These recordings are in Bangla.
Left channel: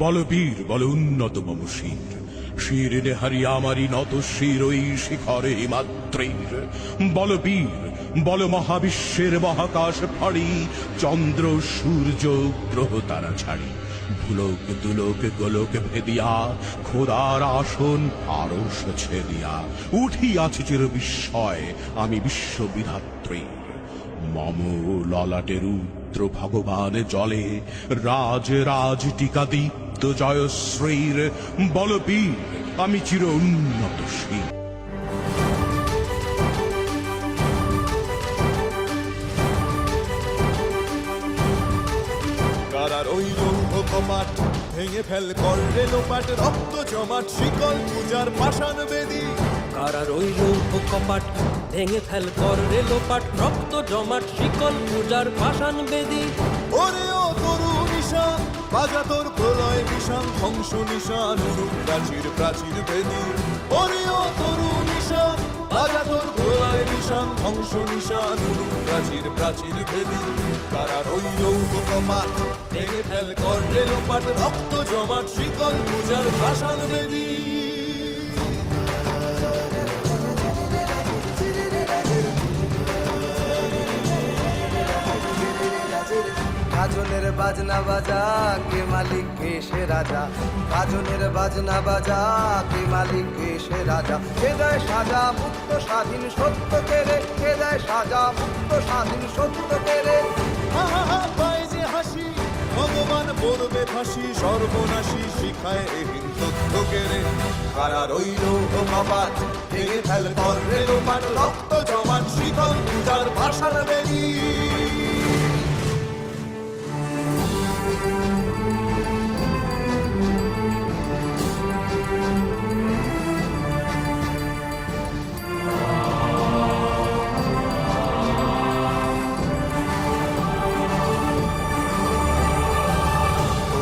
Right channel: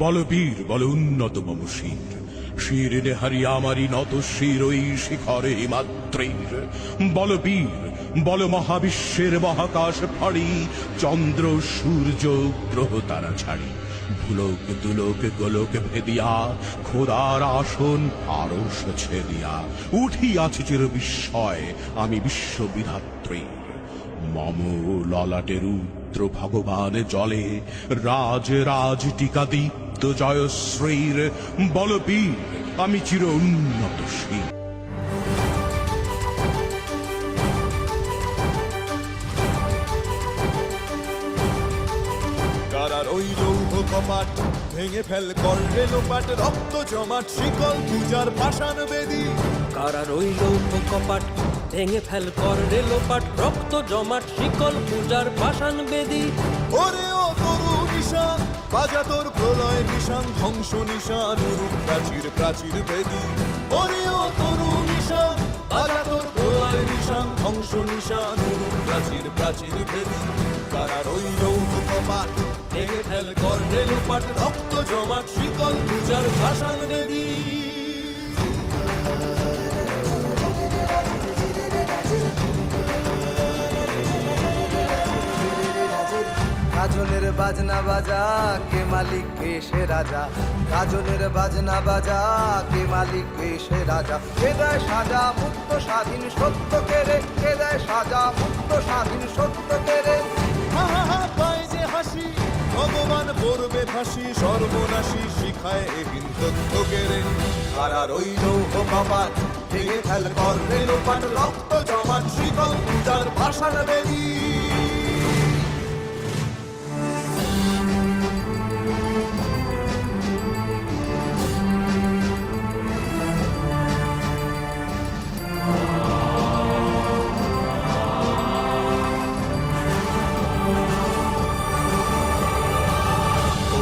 বলবীর বল উন্নত মম শির, শির নেহারি আমারি নত শির ওই শিখরে হিমাদ্রির। বলবীর বল মহাবিশ্বের মহাকাশ ফাড়ি, চন্দ্র সূর্য গ্রহ তারা ছাড়ি। ভুলোক দুলোক গোলোক ভেদিয়া, খোদার আসন আরশ ছেদিয়া, উঠিয়াছি চির বিস্ময় আমি বিশ্ববিধাত্রীর। মম ললাটে রুদ্র ভগবান জলে, রাজ রাজ টিকা দীপ্ত জয়শ্রীর। বলবীর আমি চির উন্নত শির। কারার ওই লৌহ কপাট ভেঙে ফেল কর রেলোপাট, রক্ত জমাট শিকল পূজার পাষাণ বেদী। কারার ওই লৌহ কপাট ভেঙে ফেল কর রেলোপাট, রক্ত জমাট শিকল পূজার পাষাণ বেদী। ওরে ও তরু নিশান বাজা তোর প্রলয় বিষান, ধ্বংস নিশান উরূপ প্রাচীর প্রাচীর ভেদী। ওরে ও তরু নিশান বাজা তোর প্রলয় নিশান, ধ্বংস নিশান উরূপ প্রাচীর প্রাচীর ভেদী। কারার ওই লৌহ কপাট ভেঙে ফেল কর রেলোপাট, রক্ত জমাট শিকল পূজার পাষাণ বেদী। গাজনের বাজনা বাজা কে মালিক কে সে রাজা, গাজনের বাজনা বাজা কে মালিক কে সে রাজা। কে দেয় সাজা মুক্ত স্বাধীন সত্য কেড়ে, কে দেয় সাজা মুক্ত স্বাধীন সত্য কেড়ে। হা হা হা পায় যে হাসি, ভগবান পড়বে ফাঁসি, সর্বনাশী শিখায় এহীন তথ্য কেড়ে। কারার ওই লৌহ কপাট ভেঙে ফেল কর রেলোপাট, রক্ত জমাট শিকল পূজার পাষাণ বেদী।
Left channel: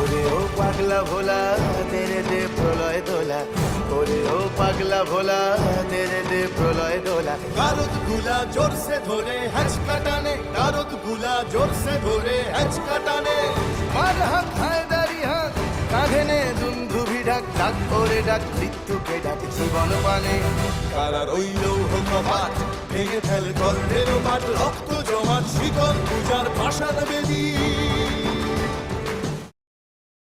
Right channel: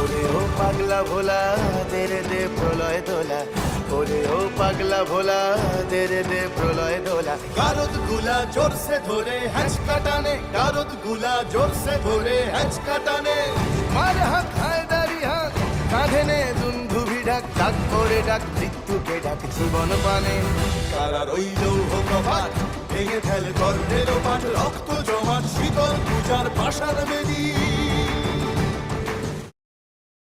ওরে ও পাগলা ভোলা দে রে দে প্রলয় দোলা, ওরে ও পাগলা ভোলা দে রে দে প্রলয় দোলা। গারদ গুলা জোরসে ধরে হ্যাচকা টানে, গারদ গুলা জোরসে ধরে হ্যাচকা টানে। মার হাক হায়দারি হাক কাঁধে নে দুন্ধুভি ডাক, ডাক ওরে ডাক মৃত্যুকে ডাক জীবন পানে। কারার ওই লৌহ কপাট ভেঙে ফেল কর রেলোপাট, রক্ত জমাট শিকল পূজার পাষাণ বেদী।